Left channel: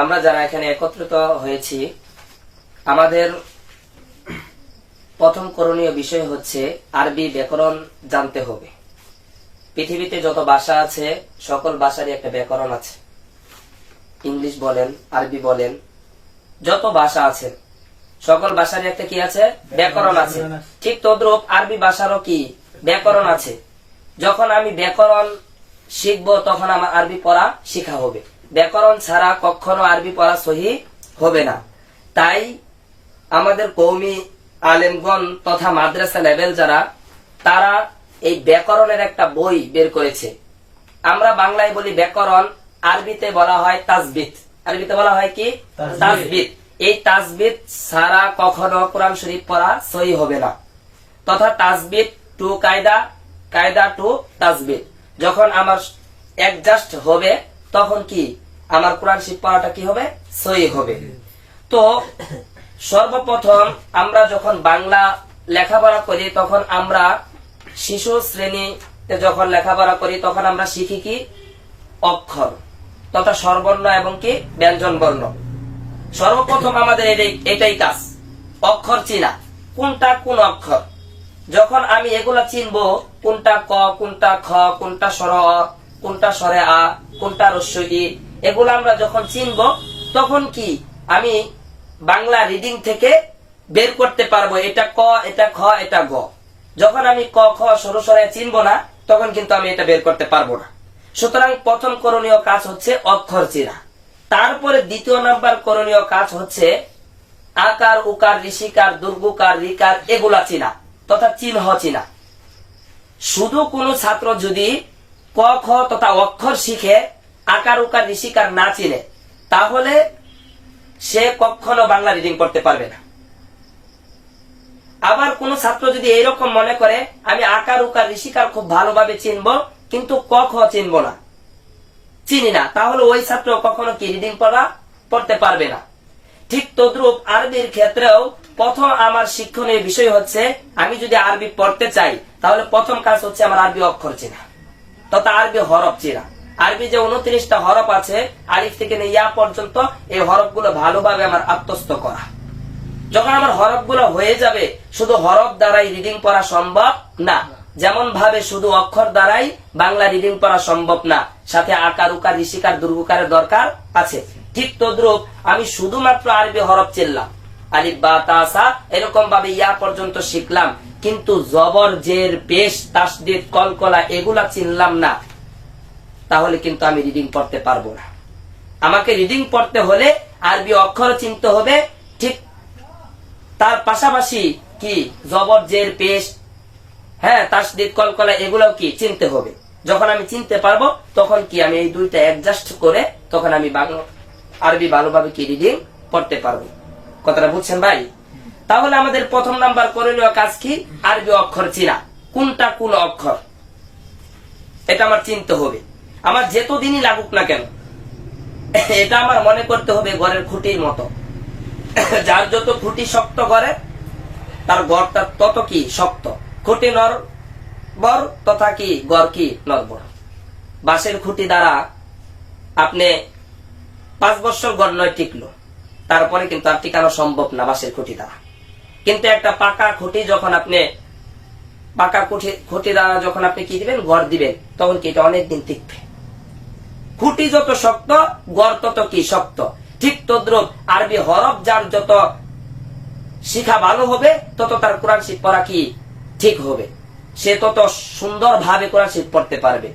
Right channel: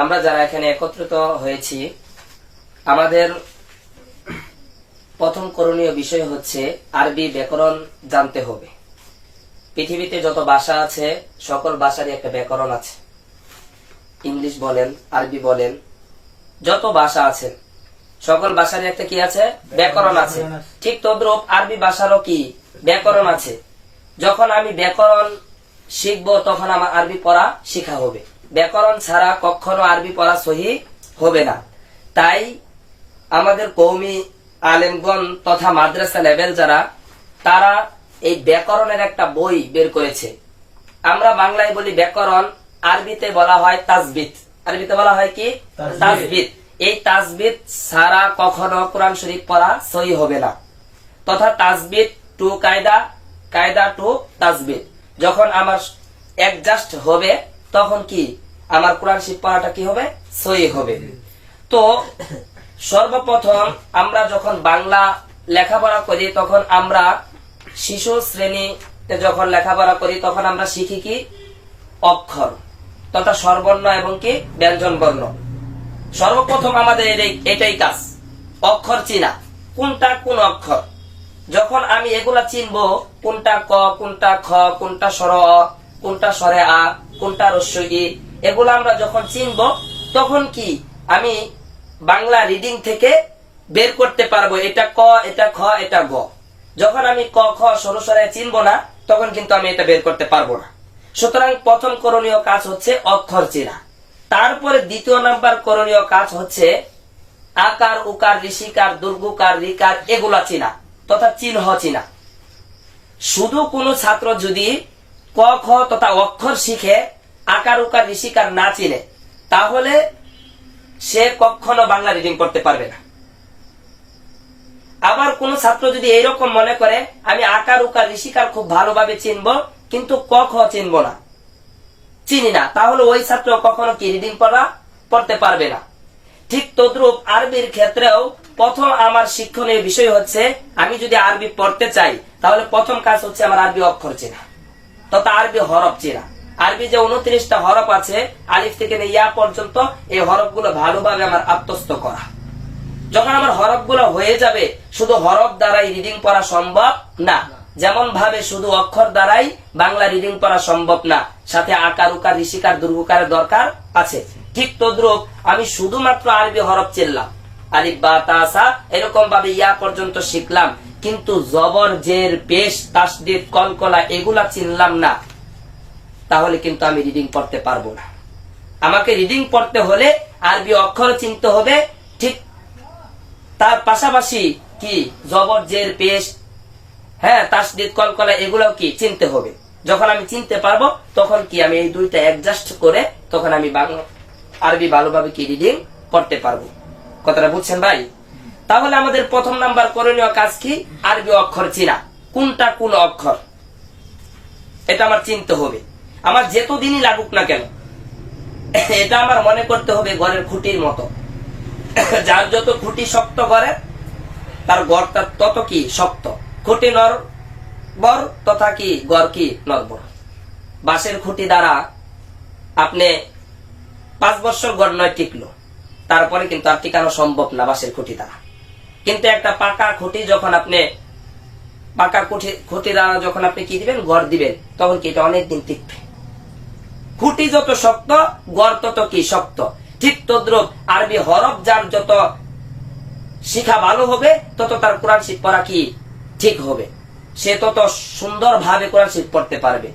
আমরা যারা এখানে একত্রিত হয়েছি, আমাদের প্রথম করণীয় বিষয় হচ্ছে আরবি ব্যাকরণ জানতে হবে। পৃথিবীতে যত ভাষা আছে সকল ভাষারই একটা ব্যাকরণ আছে। ইংলিশ বলেন, আরবি বলেন, যত ভাষা আছে সকল ভাষারই একটা কি আছে? ব্যাকরণ আছে। ঠিক তদ্রূপ আরবি ভাষারও কি ব্যাকরণ আছে। যখন আমি ব্যাকরণ শিখবো তখন আমার আরবি পড়া শিখা হবে। ব্যাকরণ ছাড়া কখনো আরবি পড়া সহি হবে না। তাই আমাদের কওমি আলেমগণ তথা মাদ্রাসা লেভেল যারা, তারা এই ব্যাকরণের একটা বই বের করেছে। আমরা বাংলায় বলি ব্যাকরণ, আরবিতে বলা হয় তাজবিদ। আরবিতে বলা হয় কি? তাজবিদ। এই তাজবিদ ছাড়া কখনো কোরআন শরীফ পড়া সহি হবে না। তথা তাজবিদ টু কায়দা, কায়দা টু তাজবিদ যখন আমার অ্যাডজাস্ট হবে তখন কি আমার কোরআন শরীফ পড়াটা কি হবে? সহি হবে। তো সর্বপ্রথম আমরা যখন বাংলা লেখাপড়া করি তখন আমরা শিশু শ্রেণীতে যখন লেখাপড়া করি তখন আমরা শিখি কি? অক্ষর তথা স্বরবর্ণ এবং কি ব্যঞ্জন বর্ণ। সর্বপ্রথম আমাদের এটাই কাজ, অক্ষর চিনা, কোনটা কোন অক্ষর। যখন আমি এগুলা চিনবো, কোনটা ক, কোনটা খ, কোনটা স্বর অ, কোনটা স্বরে আ, কোনটা রস্য ই, এগুলো আমরা যখন চিনবো তখন কি আমি বাংলা রিডিং থেকে বের করতে পারবো এটা ক, এটা খ, এটা গ। যখন আমি ক খ সরু স্বরে চিনবো না তখন কিন্তু আমি এটা বের করতে পারবো না। সুতরাং প্রথম করণীয় কাজ হচ্ছে অক্ষর চেনা। তারপরে দ্বিতীয় নাম্বার করণীয় কাজ হচ্ছে আকার, উকার, ঋষিকার, দুর্গুকার, রিকার এগুলা চিনা তথা চিহ্ন চিনা। শুধু কোন ছাত্র যদি ক খ তথা অক্ষর শিখে আকার, উকার, ঋষিকার না চিনে তাহলে সে কখনো বাংলা রিডিং করতে পারবে না। আবার কোন ছাত্র যদি এইরকম মনে করে আমি আকার, উকার, ঋষিকার খুব ভালোভাবে চিনবো কিন্তু ক খ চিনবো না, চিনি না, তাহলে ওই ছাত্র কখনো কি রিডিং পড়তে পারবে না। ঠিক তদ্রূপ আরবির ক্ষেত্রেও প্রথম আমার শিক্ষণীয় বিষয় হচ্ছে আমি যদি আরবি পড়তে চাই তাহলে প্রথম কাজ হচ্ছে আমার আরবি অক্ষর চেনা তথা আরবি হরফ চেনা। আরবি যে 29টা হরফ আছে আলিফ থেকে ইয়া পর্যন্ত, এই হরফগুলো ভালোভাবে আমার আত্মস্থ করা। যখন আমার হরফগুলো হয়ে যাবে, শুধু হরফ দ্বারাই রিডিং পড়া সম্ভব না। যেমন ভাবে শুধু অক্ষর দ্বারাই বাংলা রিডিং পড়া সম্ভব না, সাথে আকার, উকার, ঋষিকার, দুর্গুকারের দরকার আছে। ঠিক তদ্রূপ আমি শুধুমাত্র আরবি হরফ চিনলাম, আলিফ বা তা সা এরকম ভাবে ইয়া পর্যন্ত শিখলাম, কিন্তু জবর, জের, পেশ, তাসদীদ, কলকলা এগুলা চিনলাম না, তাহলে কিন্তু আমি রিডিং পড়তে পারবো না। আমাকে রিডিং পড়তে হলে আরবি অক্ষর চিনতে হবে, ঠিক তার পাশাপাশি কি জবর, জের, পেশ, তাসদীদ, কলকলা এগুলাও কি চিনতে হবে। যখন আমি চিনতে পারবো তখন কি আমি এই দুইটা অ্যাডজাস্ট করে তখন আমি আরবি ভালোভাবে কি রিডিং পড়তে পারবো। কথাটা বুঝছেন ভাই? তাহলে আমাদের প্রথম নাম্বার করণীয় কাজ কি? আরবি অক্ষর চিনা, কোনটা কোন অক্ষর এটা আমার চিনতে হবে। আমার যেতদিনই লাগুক না কেন এটা আমার মনে করতে হবে ঘরের খুঁটির মতো। যার যত খুঁটি শক্ত করে তার গড়টা তত কি শক্ত। খুঁটি নড়বড় তথা কি গড় কি নড়বড়। বাঁশের খুঁটি দ্বারা আপনি 5 বছর গড় নয় টিকলো, তারপরে কিন্তু আর টিকানো সম্ভব না বাঁশের খুঁটি দ্বারা। কিন্তু একটা পাকা খুঁটি যখন আপনি পাকা খুঁটি দ্বারা যখন আপনি কি দিবেন, গড় দিবেন, তখন কি এটা অনেকদিন টিকবে। খুঁটি যত শক্ত গড় তত কি শক্ত। ঠিক তদ্রুপ আরবি হরফ যার যত শিখা ভালো হবে তত তার কোরআন শরীফ পড়া কি ঠিক হবে, সে তত সুন্দর ভাবে কোরআন শরীফ পড়তে পারবে,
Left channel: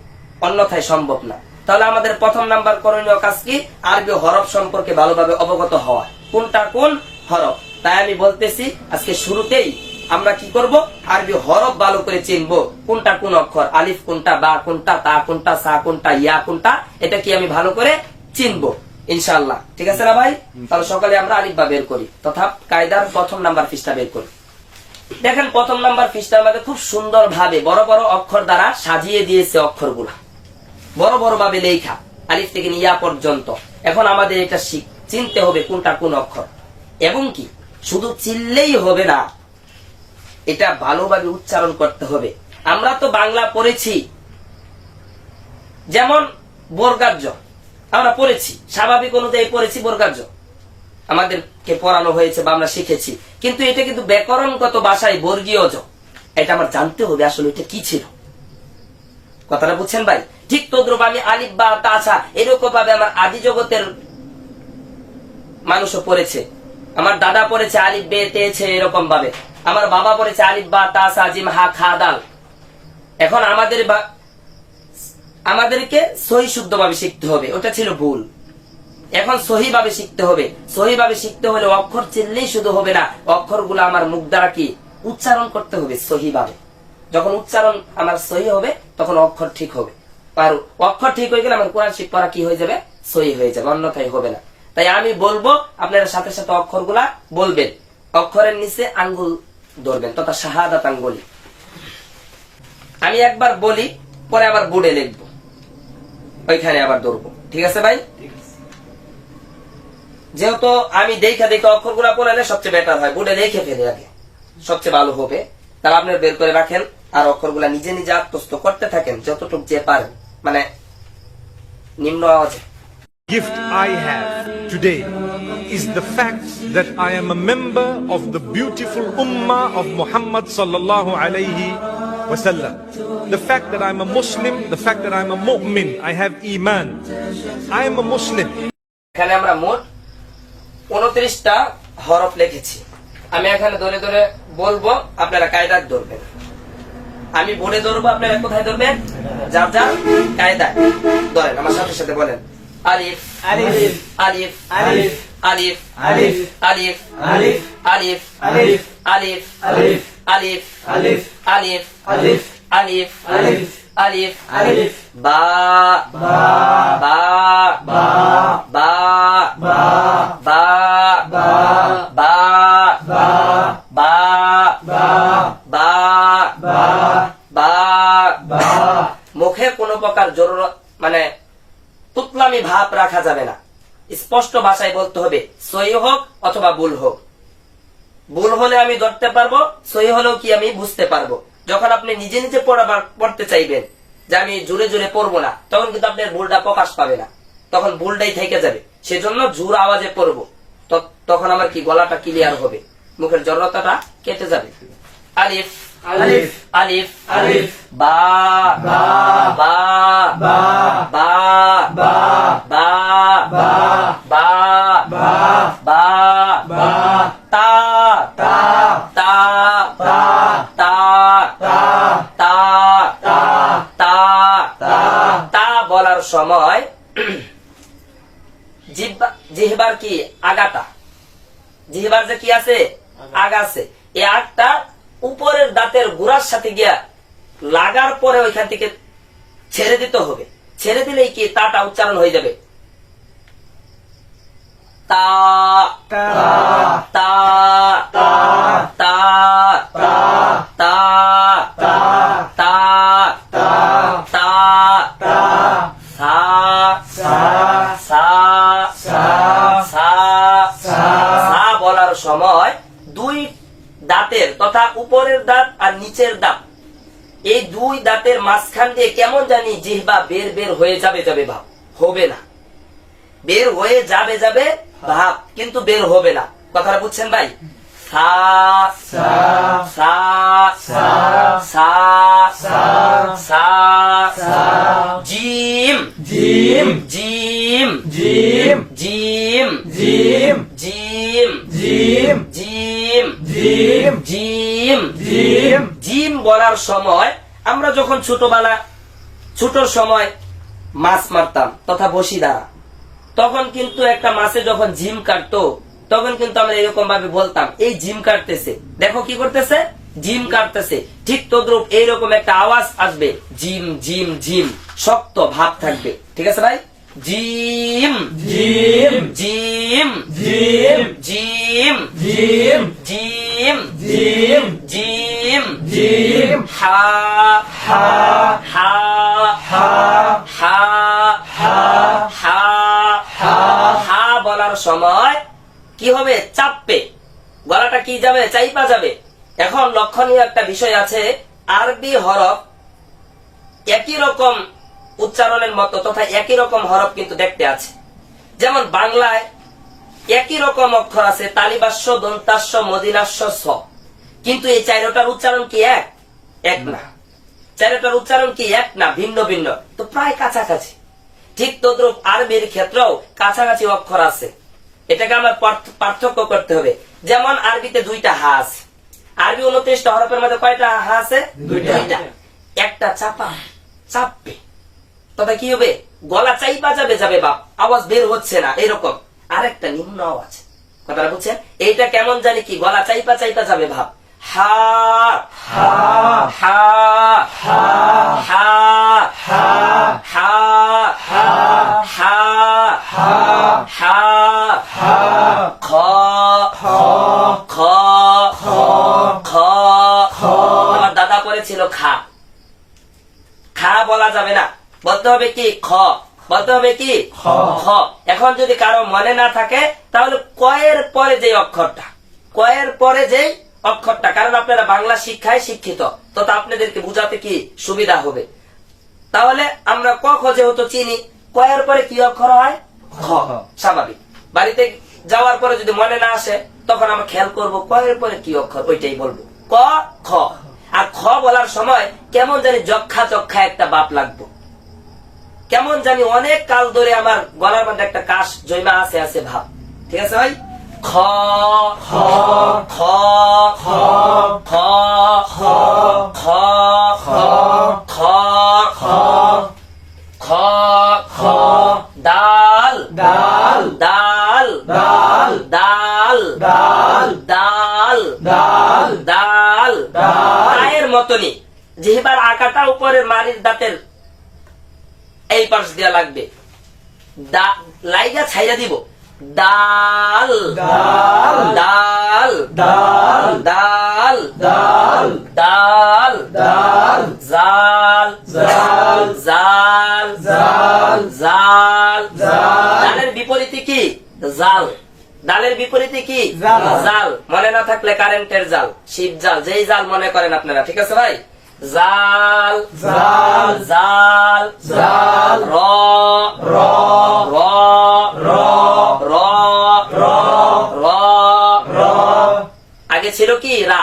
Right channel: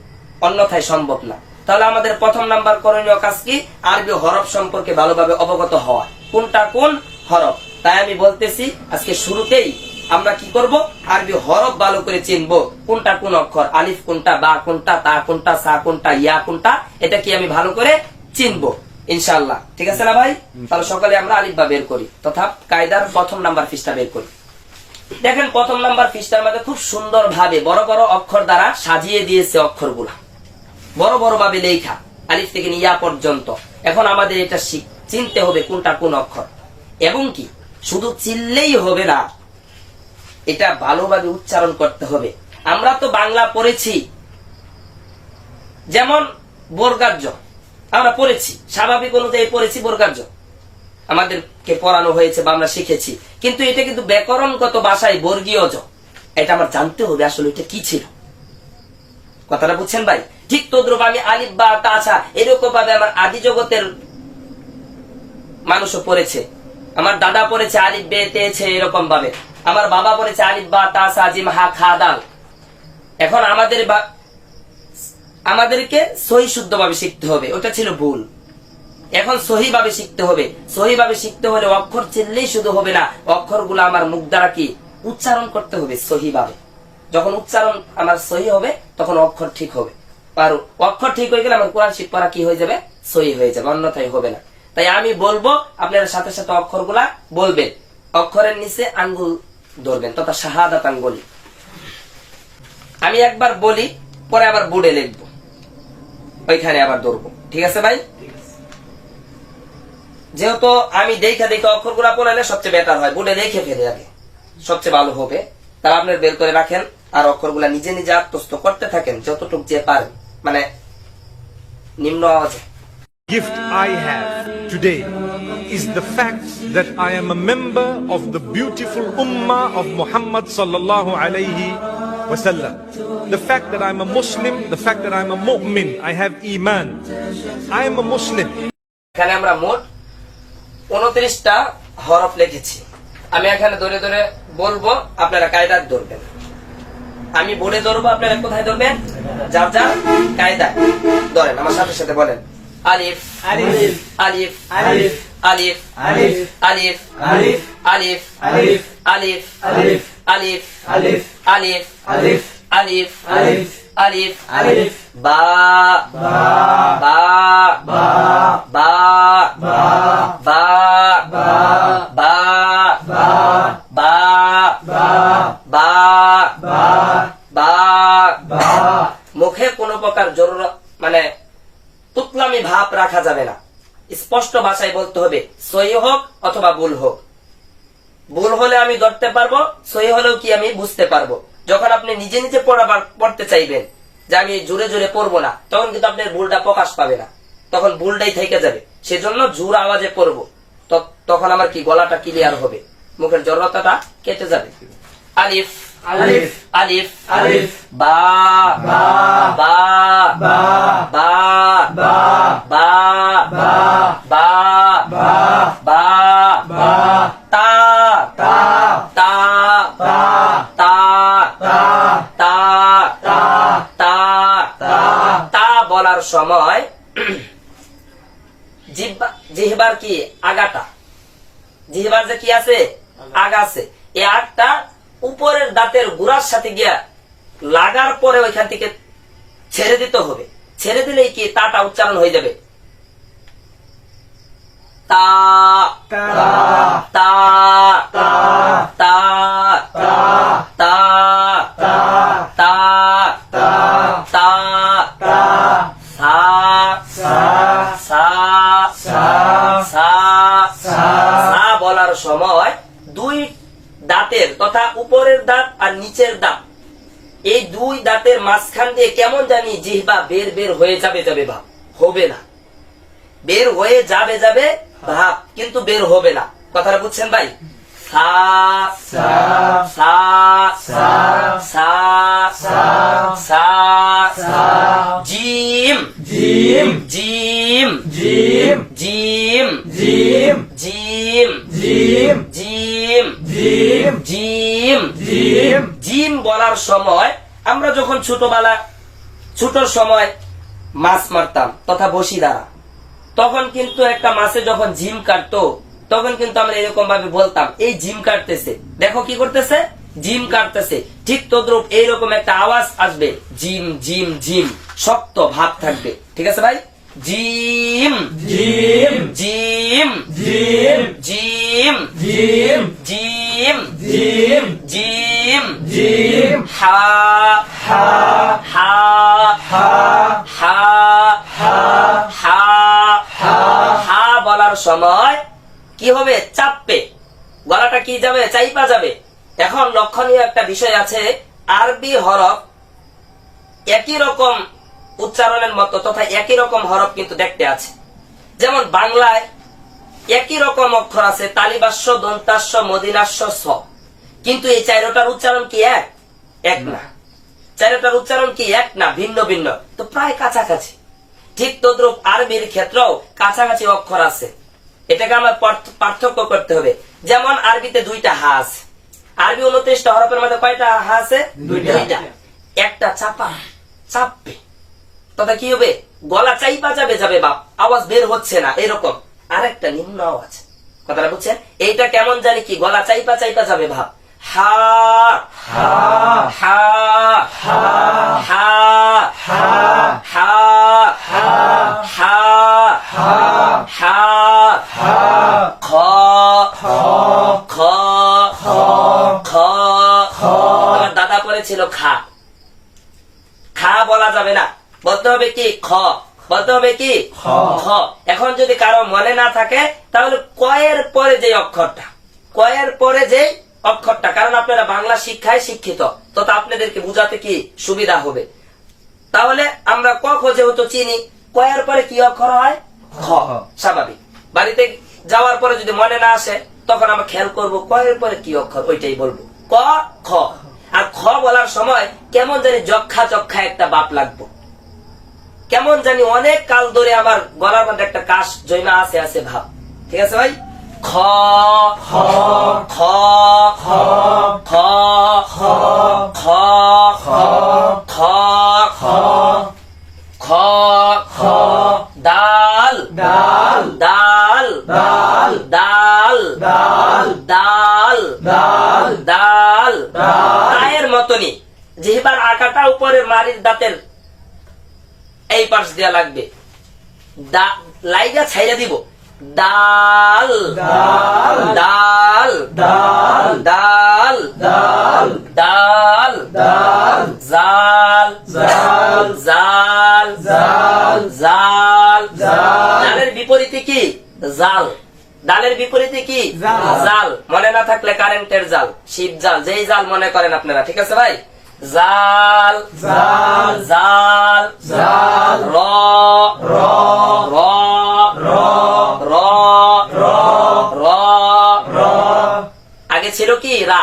অন্যথায় সম্ভব না। তাহলে আমাদের প্রথম নাম্বার করণীয় কাজ কি? আরবি হরফ সম্পর্কে ভালোভাবে অবগত হওয়া, কোনটা কোন হরফ। তাই আমি বলতেছি আজকে শুরুতেই আমরা কি করব, আরবি হরফ ভালো করে চিনবো, কোনটা কোন অক্ষর, আলিফ কোনটা, বা কোনটা, তা কোনটা, সা কোনটা, ইয়া কোনটা, এটা কি আমি ভালো করে চিনবো ইনশাআল্লাহ। ঠিক আছে না ভাই? তাহলে সকালে আমরা আলিফ বা বের করি তথা কায়দার প্রথম নাম্বার পৃষ্ঠা বের করি। দেখেন প্রথম নাম্বার পৃষ্ঠার মধ্যে খুব সুন্দর ভাবে বড় বড় অক্ষর দ্বারা সাজিয়ে দিয়েছে অক্ষরগুলা, বড় বড় ভাবে লেখা আলিফ থেকে ইয়া পর্যন্ত। এখন আমাদের এটা চিনতে হবে কোনটা কোন অক্ষর, এবং কি শুধু চিনলেই হবে না, এটা ভালোভাবে উচ্চারণ করতে হবে। আমরা তো বাংলা পড়েছি, যেমন বর্গার জ, আমরা পড়েছি, স্বাভাবিক অনুযায়ী পড়েছি বর্গার্য, আমাদেরকে পড়ানো হয়েছে বা আমরা শিখেছি, কিন্তু এটা কিন্তু ব্যাকরণগত ভাষায় বর্গীয় জ। এটা আমার জানতে হবে আসলে এটা কি ছিল। কথাটা বুঝছেন ভাই? ঠিক তদ্রুপ আমি আলিফ বা তাছা এরকম ভাবে আমার আদি জগতের মানুষও পড়েছে। আমার দাদা পড়েছে আলিফ বে তেছে এরকম ভাবে, আমার বাবা পড়েছে আলিফ বা তাসা জিম হা খা দাল। এখন আমাদেরকে সহি শুদ্ধ ভাবে শিখতে হবে, ওটা ছিল ভুল। এখন সহি ভাবে শিখতে হবে। সহি ভাবে শিখতে হলে অক্ষর চিনলেই শুধু হবে না, অক্ষরগুলো আমার মুখ দ্বারা কি উচ্চারণ করতে হবে সহি ভাবে। যখন উচ্চারণ আমার সহি হবে তখন অক্ষর ঠিক হবে। আর অক্ষর ঠিক হয়ে গেলে আমার কোরআন শিখ পড়া কি হয়ে যাবে? সহি হয়ে যাবে, অন্যথায় হবে না। তাই আমি বলবো, আপনারা সাথে সাথে অক্ষরগুলা বলবেন, অক্ষরের নিচে আঙ্গুল ধরবেন, তথা শাহাদাত আঙ্গুলি। আমি একবার বলি, পরে আবার বোর্ডে লিখবো, ওইখানে আবার ধরবো। ঠিক আছে ভাই? যেহেতু আমি দেখে অক্ষরগুলা পড়ালে সবচেয়ে বেটার হয়, বোর্ডে দেখে ফেলে আগে সবচেয়ে ভালো হবে। তাহলে আপনি বের করে রাখেন আর অক্ষরগুলা নিজে নিজে আত্মস্থ করতে থাকেন যতটুকু যে পারেন, মানে নিম্ন আওয়াজে। Gift I have today is the fact that I am a member of the beautiful ummah of Muhammad sallallahu alayhi wasallam. The fact that I'm a Muslim, the fact that I'm a mu'min, I have iman. I am a Muslim. এখানে আমরা মোট 29টা হরফ লিখেছি। আমি এখানে ধরে ধরে বলবো, আপনারা কায়দাত ধরবেন। আমি বলে ধরবো, আপনারা কোথায় ধরবেন? যার যার কায়দায় ধরেন। আমার সাথে সাথে বলেন, আলিফ আলিফ আলিফ আলিফ আলিফ আলিফ আলিফ আলিফ আলিফ আলিফ আলিফ আলিফ আলিফ আলিফ আলিফ আলিফ আলিফ আলিফ আলিফ বা বা বা বা বা বা বা বা বা বা বা বা। মুখে কোনো প্রকার জরুরত মানে তুতলামি ভাব রাখা যাবে না, স্পষ্ট ভাষায় বলতে হবে, সহি হোক অথবা ভুল হোক। ভুল হলে আমি ধরতে পারবো, সহি হলেও কি আমি বুঝতে পারবো। যখন আপনি নিজে নিজে পড়তে চাইবেন যে আমি জোরে জোরে পড়বো না, তখন কিন্তু আপনার ভুলটা প্রকাশ পাবে না, তখন ভুলটাই থেকে যাবে। সেজন্য জোর আওয়াজে পড়বো, তখন আমার কি গলাটা ক্লিয়ার হবে, মুখের জড়তাটা কেটে যাবে। আলিফ আলিফ আলিফ আলিফ বা বা বা বা বা বা বা বা বা বা বা তা তা তা তা তা তা তা তা তা বলার সময় জিহ্বার কি আগাটা, জিহ্বার যে কি আছে আগা আছে, এই আগটা উপরের দাঁতের গোড়ার সাথে গিয়া লাগার পরে ওইখান থেকে ছেড়ে দিতে হবে। ছেড়ে দিলেই কি তাটা উচ্চারণ হয়ে যাবে। তা তা তা তা তা তা তা তা সা সা সা সা বলার সময় দুই দাঁতের তথা উপরের দাঁত আর নিচের দাঁত, এই দুই দাঁতের মাঝখান দিয়ে কেমন জানি জিহ্বা বের বের হয়ে যাবে যাবে ভাব, হবে না। বের হয়ে যাবে যাবে ভাব, কিন্তু বের হবে না। কথাটা বুঝছেন ভাই? সা সা সা সা সা সা জিম জিম জিম জিম জিম জিম জিম জিম জিম জিম জিম জিম জিম বলার সময় আমরা যখন ছোট সময় মাছ মারতাম তথা বসি দ্বারা, তখন কিন্তু একটা মাছে যখন জিম কাটতো তখন কিন্তু আমরা এরকম ভাবে বলতাম, এই জিম কাটতেছে, দেখো কি করতেছে, জিম কাটতেছে। ঠিক তদ্রুপ এইরকম একটা আওয়াজ আসবে, জিম জিম জিম, শক্ত ভাব থাকবে। ঠিক আছে ভাই? জিম জিম জিম জিম জিম জিম জিম জিম জিম জিম হা হা হা হা হা হা হা হা বলার সময় কি হবে? চাপবে, গলাটা কি যাবে? চাইপা যাবে। এখন লক্ষণীয় একটা বিষয় আছে, আরবি হরফ একই রকম উচ্চারণের মতো তথা একই রকম হরফ কিন্তু দেখতে আছে। যেমন বাংলায় একই রকম অক্ষর আছে, তালিবাস্য, দন্তাস্য, মদিনাস্য, স, কিন্তু এই চারটার উচ্চারণ কি এক না। চারটার উচ্চারণ কি এক না, ভিন্ন ভিন্ন, তো প্রায় কাছাকাছি। ঠিক তদ্রূপ আরবির ক্ষেত্রেও কাছাকাছি অক্ষর আছে, এটাকে আমরা পার্থক্য করতে হবে। যেমন আরবিতে 2টা হা আছে, আরবি 29টা হরফের মধ্যে কয়টা হা আছে? 2টা। একটা চাপবে, তথা কি হবে? গলা চাইপা যাবে বাপ, আওয়াজ বের হচ্ছে না, এরকম। আরেকটা নিম্ন আওয়াজ, কথাটা বুঝছেন? এইটা কেমন জানি কি, গলা চাইপা যাবে ভাব। হা হা হা হা হা হা হা হা হা হা খ খ খ খ খ। আমার দাদা পড়েছিল খা, খা বলা যাবে না, বলতে হবে কি খ, বলতে হবে কি খ। এখন যদি কারো মনে না থাকে তাহলে কয়ের পরে যে অক্ষরটা, কয়ের পরে যে অক্ষরটা, কারণ আপনারা বাংলা শিক্ষায় শিক্ষিত, তো আপনাদেরকে বুঝাতে কি সুবিধা হবে। তাহলে আমরা ক খ যেহেতু চিনি, কয়ের পরে কি অক্ষর হয়? খ। স্বাভাবিক। বাড়িতে যাওয়ার পরে যদি মনে না আসে তখন আমরা খেয়াল করব কয়ের পরে কি অক্ষর, ওইটাই বলবো ক খ। আর খ বলার সময় কেমন জানি যক্ষা একটা বাপ লাগবো, কেমন জানি অনেক কাল ধরে আমার গলার মধ্যে একটা কাশ জৈমা আছে ভাব। ঠিক আছে ভাই? খ খ খ খ খ খ খ খ খ খ খ দাল দাল দাল দাল দাল দাল দাল দাল দাল দালের মতনই জিহ্বার আকাটা উপরে মারির দাঁতের এই পাশ দেওয়া লাগবে, লাইগা ছাইরা দিব। ডাল ডাল ডাল ডাল ডাল ডাল ডাল ডাল জাল জাল জাল জাল জাল। ডালের বিপরীতে কি? জাল। ডালের বিপরীতে কি? জাল। মনে না থাকলে কারেন্টের জাল, শিব জাল, যেই জাল মনে করেন আপনারা। ঠিক আছে ভাই? জাল জাল জাল জাল র র র র র র র র। আগে ছিল কি রা,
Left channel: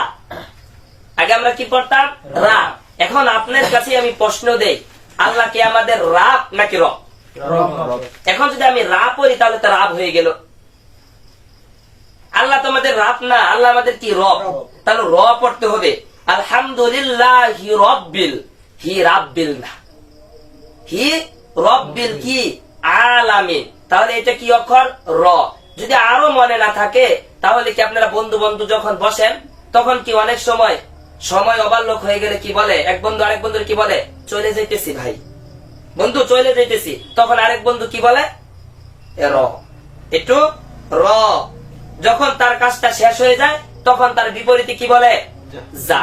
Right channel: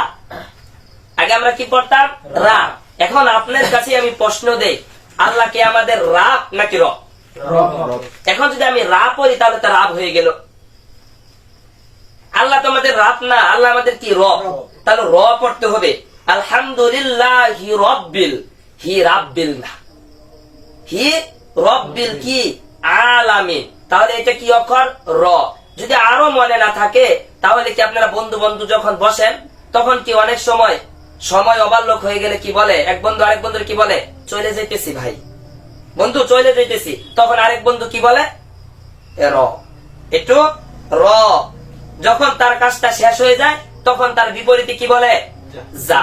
আগে আমরা কি পড়তাম? রা। এখন আপনার কাছে আমি প্রশ্ন দেই, আল্লাহ কি আমাদের রাব নাকি রব? এখন যদি আমি রা পড়ি তাহলে তো রাব হয়ে গেল। আল্লাহ তো আমাদের রাব না, আল্লাহ আমাদের কি রব, তাহলে র পড়তে হবে। আলহামদুলিল্লাহ হি রব্বিল, হি রাব্বিল না, হি রব্বিল কি আলামিন। তাহলে এটা কি অক্ষর? র। যদি আরো মনে না থাকে তাহলে কি আপনারা বন্ধু যখন বসেন তখন কি অনেক সময় অবাল্যক হয়ে গেলে কি বলে? এক বন্ধু আরেক বন্ধুর কি বলে? চলে যাইতেছি ভাই, বন্ধু চলে যাইতেছি। তখন আরেক বন্ধু কি বলে? র। একটু র। যখন তার কাজটা শেষ হয়ে যায় তখন তার বিপরীতে কি বলে? যা।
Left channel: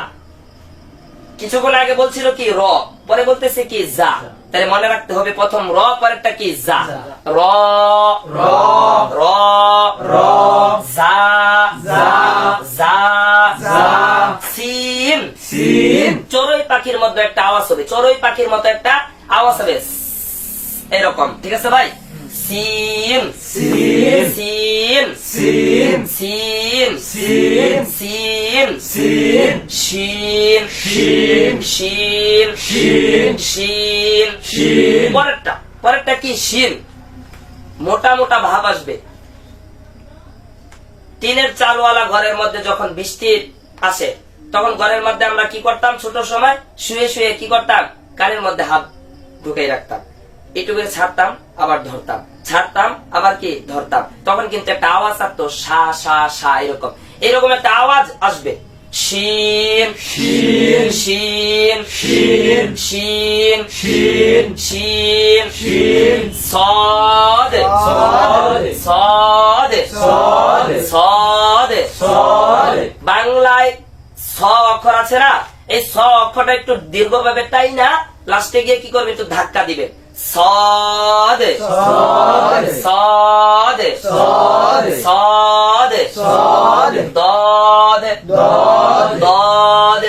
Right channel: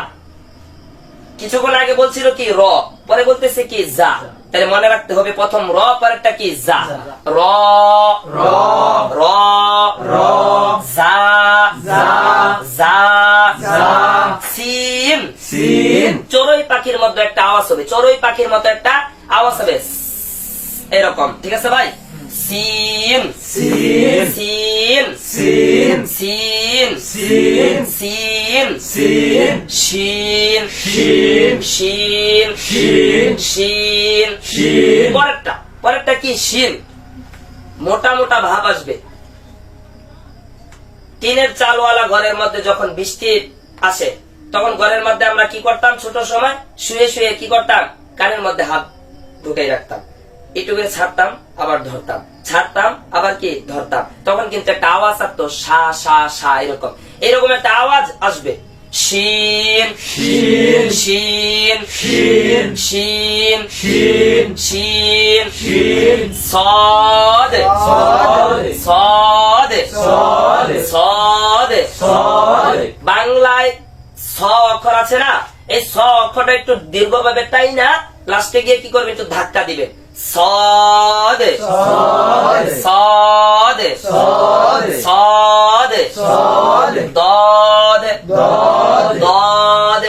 কিছুক্ষণ আগে বলছিল কি র, পরে বলতেছে কি যা। তাহলে মনে রাখতে হবে প্রথম র, পরেরটা কি যা। র র র র যা যা যা যা। সিন সিন। চড়ুই পাখির মধ্যে একটা আওয়াজ হবে, চড়ুই পাখির মতো একটা আওয়াজ হবে এরকম। ঠিক আছে ভাই? সিন সিন সিন সিন সিন সিন সিন সিন শিন শিন শিন শিন শিন শিন। পরেরটা কি? শিন। মোটা মোটা ভাব আসবে। টিনের চালওয়ালা ঘরের মধ্যে যখন বৃষ্টি আসে তখন ঘরের মধ্যে আমরা কি করতাম? ছোট সময় শুয়ে শুয়ে কি করতাম? কানের মধ্যে হাত ঢুকাই রাখতাম, একটু করে ছাড়তাম আবার ধরতাম, ছাড়তাম আবার কি ধরতাম। তখন কিন্তু একটা আওয়াজ আসতো, সা সা সা, এরকম একটা আওয়াজ আসবে। শিন শিন শিন শিন শিন শিন শিন শিন। সদ সদ সদ সদ সদ সদ। বাংলায় স অক্ষর আছে না, এই স অক্ষরটা একটু দীর্ঘভাবে তাই না, লাস্টে গিয়ে কি করবে? একটু ধাক্কা দিবে। সদ সদ সদ সদ সদ সদ। দদ দদ দদ।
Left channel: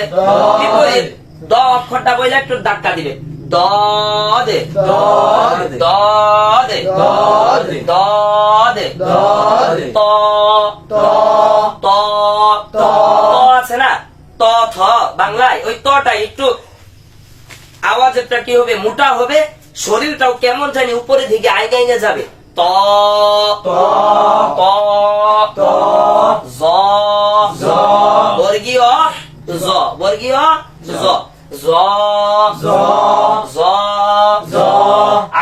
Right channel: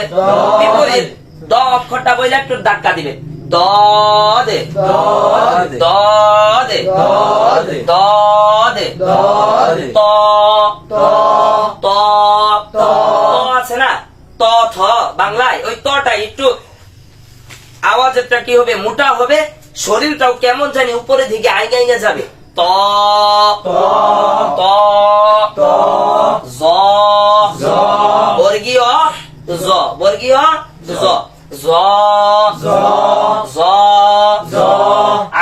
বিপরীত দ অক্ষরটা বইলে একটু ধাক্কা দিবে। দদে দদে দদে দদে দদে দদে ত ত ত ত আছে না, ত থ বাংলায় ওই তটা একটু আওয়াজটা কি হবে, মোটা হবে, শরীরটাও কেমন জানি উপরের দিকে আইগাইনা যাবে। ত ত ত ত জ জ বর্গীয় জ বর্গীয় জ জ জ জ জ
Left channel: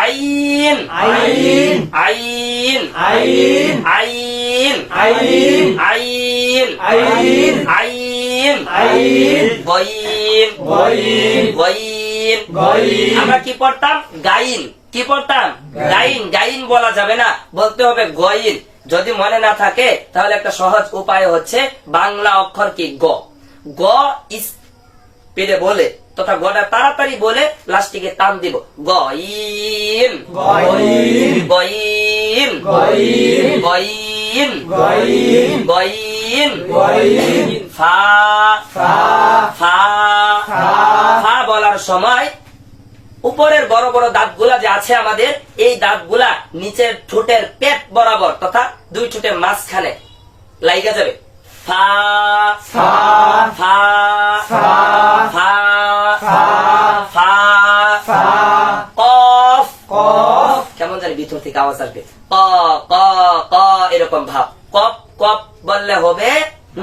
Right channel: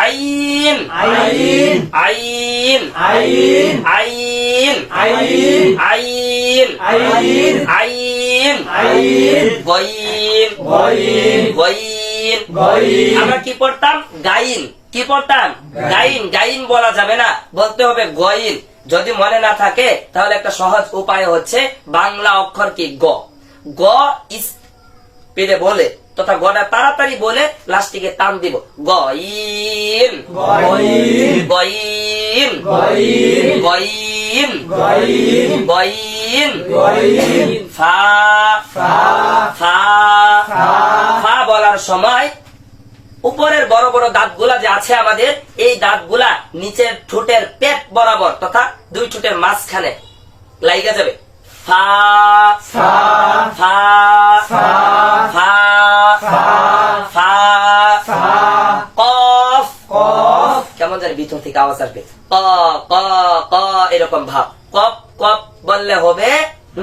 আইন আইন আইন আইন আইন আইন আইন আইন আইন আইন গইন গইন গইন গইন আমরা কি পড়তাম, গাইন, কি পড়তাম, গাইন। গাইন বলা যাবে না, বলতে হবে গইন। যদি মনে না থাকে তাহলে একটা সহজ উপায় হচ্ছে বাংলা অক্ষর কি গ, গ স্পিডে বলে তথা গটা তাড়াতাড়ি বলে লাস্টিকে টান দিব, গইন গইন গইন গইন গইন গইন গইন গইন ফা ফা ফা ফা ফা বলার সময় উপরের বড় বড় দাঁতগুলা যে আছে আমাদের, এই দাঁতগুলা নিচের ঠোঁটের পেট বরাবর তথা দুই ঠোঁটের মাঝখানে লাইগা যাবে। ফা ফা ফা ফা ফা ফা ফা ফা কফ কফ কেমন জানি ভিতর থেকে আওয়াজ আসবে, ক ক ক এরকম ভাব। কপ কপ বললে হবে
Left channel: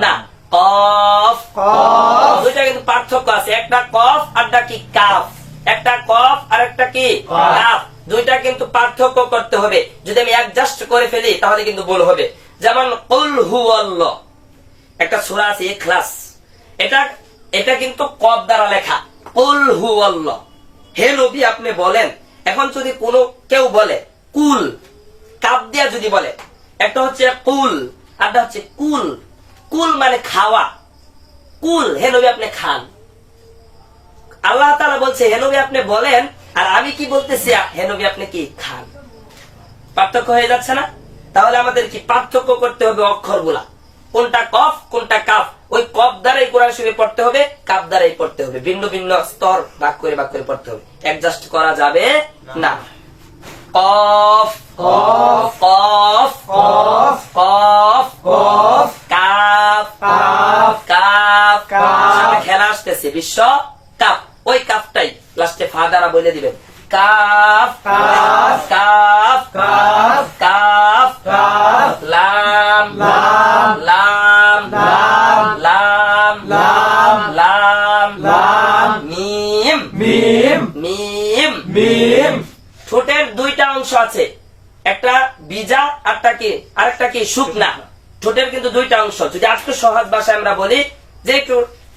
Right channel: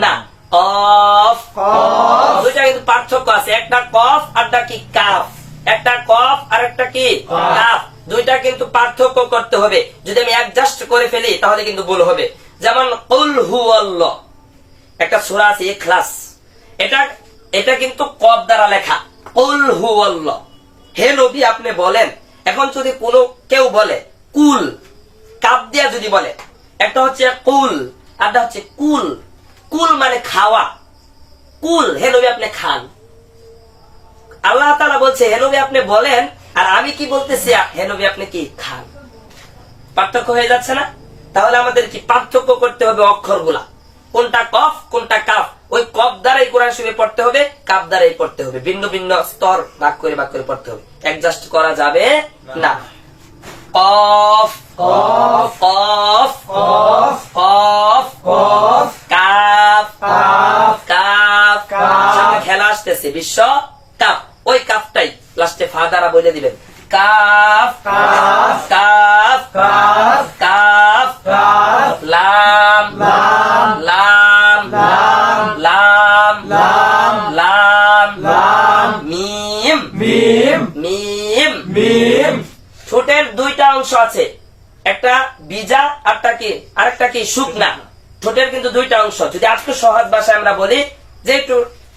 না, কফ। কফ দুইটা কিন্তু পার্থক্য আছে, একটা কফ আর একটা কি কাফ, একটা কফ আর একটা কি কাফ, দুইটা কিন্তু পার্থক্য করতে হবে। যদি আমি অ্যাডজাস্ট করে ফেলি তাহলে কিন্তু ভুল হবে। যেমন কুল হুয়াল্লাহ, একটা সূরা আছে ইখলাস, এটা এটা কিন্তু কফ দ্বারা লেখা, কুল হুয়াল্লাহ। হে নবী আপনি বলেন। এখন যদি কোনো কেউ বলে কুল, কাপ দিয়া যদি বলে, একটা হচ্ছে কুল আর একটা হচ্ছে কুল। কুল মানে খাওয়া, কুল হে নবী আপনি খান। আল্লাহ তাআলা বলছে হে নবী আপনি বলেন, আর আমি কি বলতেছি হে নবী আপনি কি খান। পার্থক্য হয়ে যাচ্ছে না? তাহলে আমাদের কি পার্থক্য করতে হবে অক্ষরগুলা, কোনটা কফ কোনটা কাফ। ওই কফ দ্বারাই কোরআন শরীফ পড়তে হবে, কাফ দ্বারাই পড়তে হবে, ভিন্ন ভিন্ন স্তর ভাগ করে পড়তে হবে, অ্যাডজাস্ট করা যাবে না। কফ কফ কফ কফ কফ কফ কাফ কাফ কাফ কাফ। খেলা আসতেছে বিশ্ব কাপ, ওই কাপটাই লাস্টে ফা দ্বারা বলে দিবেন, calf calf calf calf calf calf লাম লাম লাম লাম লাম লাম লাম লাম মিম মিম মিম মিম ঠোঁটের দুইটা অংশ আছে, একটা বিজা আরেকটা কি শুকনা। ঠোঁটের কিন্তু দুইটা অংশ। যদি আজকে সহজ ভাষায় আমরা বলি যে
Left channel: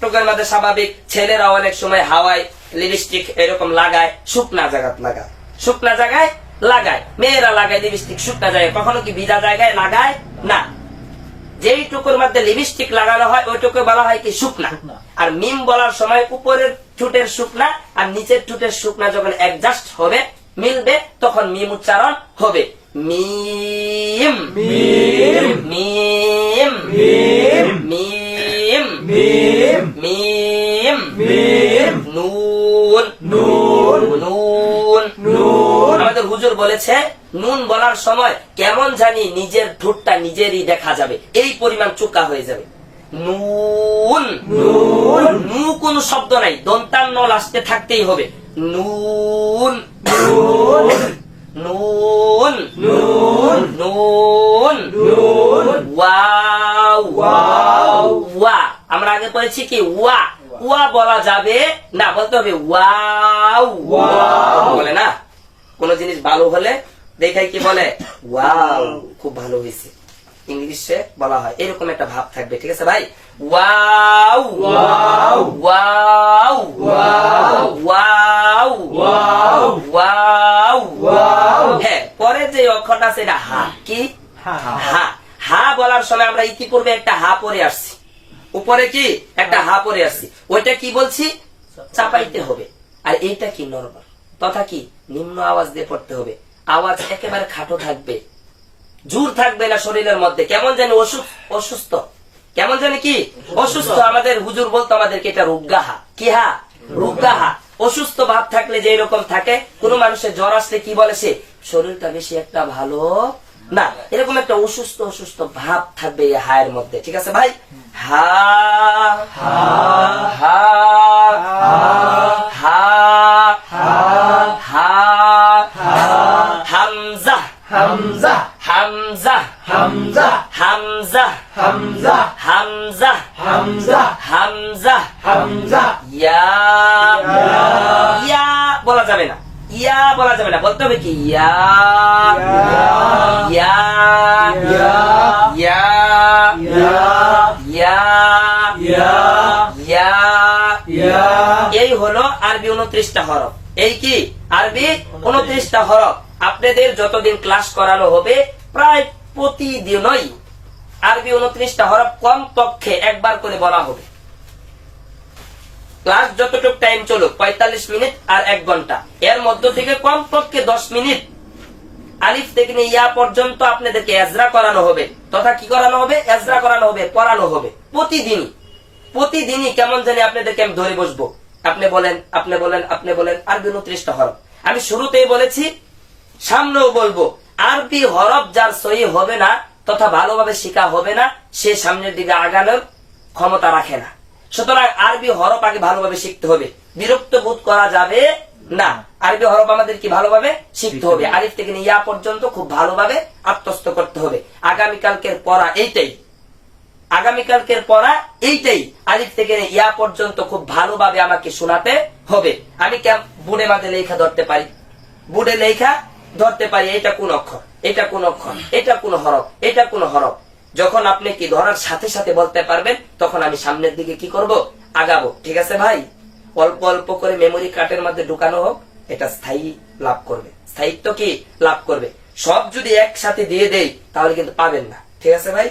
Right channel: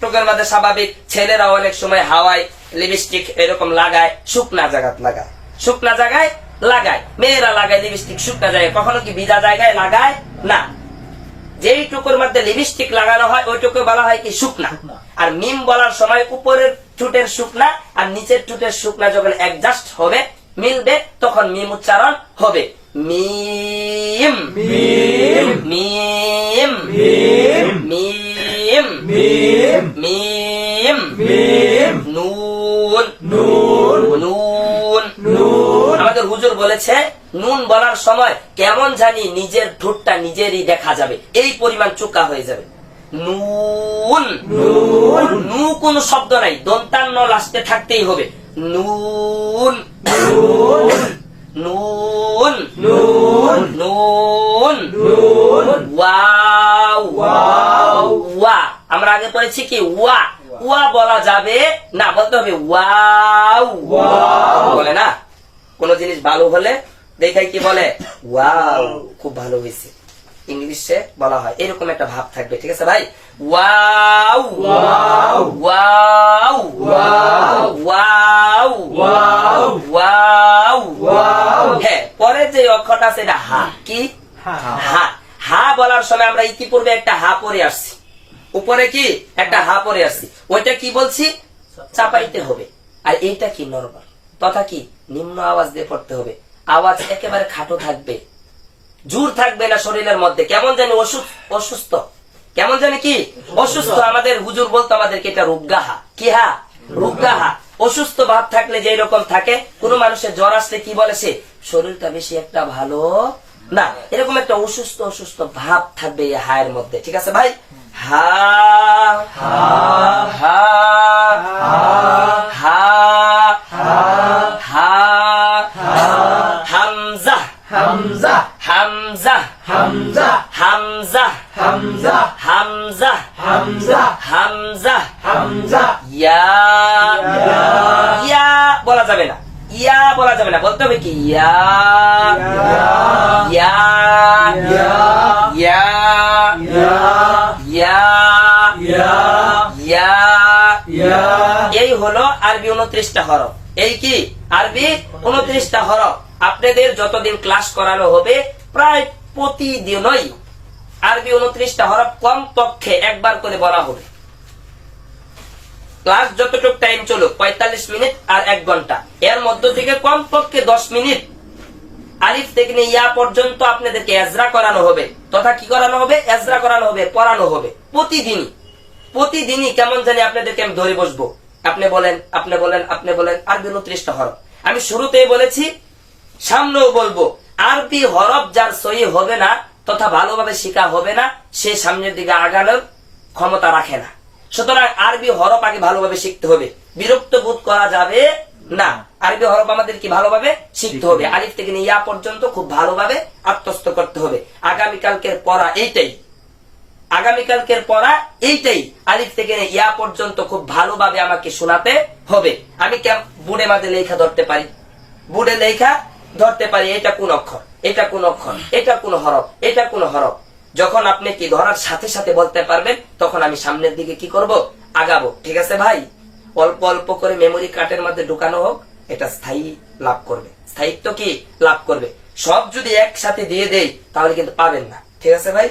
ঠোঁটের মধ্যে স্বাভাবিক ছেলেরা অনেক সময় হাওয়ায় লিপস্টিক এরকম লাগায়, শুকনা জায়গায় লাগায়, শুকনা জায়গায় লাগায়, মেয়েরা লাগায় লিপস্টিক শুকনা জায়গায়, কখনো কি ভিজা জায়গায় লাগায় না। যেই টুকুর মধ্যে লিপস্টিক লাগানো হয় ওই টুকু বলা হয় কি শুকনা। আর মিম বলার সময় উপরের ঠোঁটের শুকনা আর নিচের ঠোঁটের শুকনা যখন অ্যাডজাস্ট হবে, মিলবে, তখন মিম উচ্চারণ হবে। মিম মিম মিম মিম মিম মিম মিম মিম নুন নুন নুন নুন আমাদের হুজুর বলেছে নুন বলার সময় কেমন জানি নিজের ঠোঁটটা নিজেরই দেখা যাবে, এই পরিমাণ চোকা হয়ে যাবে। নুন নুন নু কোন শব্দ নাই, দন্তান্ন লাস্টে থাকতেই হবে। নুন নুন নুন নুন নুন নুন ওয়াও ওয়াও ওয়া আমরা আগে পড়েছি কি ওয়া, ওয়া বলা যাবে না, বলতে হবে ওয়াও ওয়াও। বলে না। কোন জিনিস ভালো হলে দেখাই কি বলে ওয়াও, খুব ভালো হয়েছে, ইংলিশে বলা হয়, এরকম একটা ভাব থাকবে। ঠিক আছে ভাই? Wow wow wow wow wow wow wow wow. হ্যাঁ, পরে যে অক্ষরটা আছে এটা হা। কি হা হা। হা বলার সময় আমরা ইতিপূর্বে একটা হা পরে আসছি, উপরে কি একটা হা পরে আসছি, ওইটা কি বলছি চাপাইতে হবে। আর এইটা কি নরমাল তথা কি নিম্ন আওয়াজ দিয়ে পড়তে হবে, আওয়াজ একেবারে খাটো থাকবে, জোর থাকবে না শরীরের মধ্যে, কেমন জানি অসুস্থ, কেমন জানি কি অসুস্থ। আমাদের হুজুর বলতো আমাদেরকে এটা রুগ্গাহা। কি হা? রুগ্গাহা। অসুস্থ ভাব থাকলে যে রকম থাকে, কোন মানুষের জ্বর আসলে কি বলে সে শরীরটা বেশি একটা ভালো না, এরকম একটা অসুস্থ অসুস্থ ভাব থাকবে এই হায়ের মধ্যে। ঠিক আছে ভাই? হা হা হা হা হা হামজা হামজা হামজা হামজা হামজা হামজা হামজা হামজা হামজা হামজা ইয়া ইয়া বলা যাবে না, ইয়া বলা যাবে না, বলতে হবে কি ইয়া ইয়া ইয়া ইয়া ইয়া ইয়া ইয়া। এই হলো আরবি 29টা হরফ। এই কি আরবি 29টা হরফ। আপনাদের যতদিন ক্লাস করানো হবে প্রায় প্রতিদিনই আরবি 29টা হরফ কম পক্ষে একবার করে বলা হবে। ক্লাস যতটুকু টাইম চলুক 45 মিনিট আর 1 ঘন্টা, এর মধ্য থেকে কম পক্ষে 10 মিনিট আলিফ থেকে নিয়ে ইয়া পর্যন্ত আপনাদেরকে এজরা করানো হবে, তথা কি করানো হবে? এজরা করানো হবে, পড়ানো হবে প্রতিদিনই। প্রতিদিনই কেমন জানি আপনাদেরকে আমি ধরে বসবো, আপনি বলেন আপনি বলেন আপনি বলেন। আরবি 29টা হরফ আমি শুরুতেই বলেছি, সামনেও বলবো, আরবি হরফ যার সহি হবে না তথা ভালোভাবে শেখা হবে না, সে সামনের দিকে আগানোর ক্ষমতা রাখে না। সুতরাং আরবি হরফ আগে ভালোভাবে শিখতে হবে, বিরক্ত বোধ করা যাবে না। আরবি হরফ আমাদের কি ভালোভাবে শিখতে হবে, আলিফ থেকে নিয়ে ইয়া পর্যন্ত খুব ভালোভাবে আত্মস্থ করতে হবে। আগামীকালকের পড়া এইটাই, আগামীকালকের পড়া এইটাই, আলিফ থেকে নিয়ে ইয়া পর্যন্ত খুব ভালোভাবে আমাকে শোনাতে হবে। আমি বুড়ে মাঝে লেখা ধরতে পারি, বুড়ে লেখা ধরতে পারি, এটা কোন অক্ষর, এটা কোন অক্ষর, এটা কোন হরফ, এটা কোন হরফ। যখন আপনি কি ধরার সাথে সাথে বলতে পারবেন, তখন আমি সামনের দিকে কি করব? আগাবো। ঠিক আছে ভাই? অল্প অল্প করে মেমোরি কার্ডের মধ্যে ঢুকানো হোক, এটা স্থায়ী লাভ করবে, স্থায়িত্ব কি লাভ করবে। সব যদি একসাথে দিয়ে দেই তাহলে কিন্তু পাবেন না। ঠিক আছে ভাই?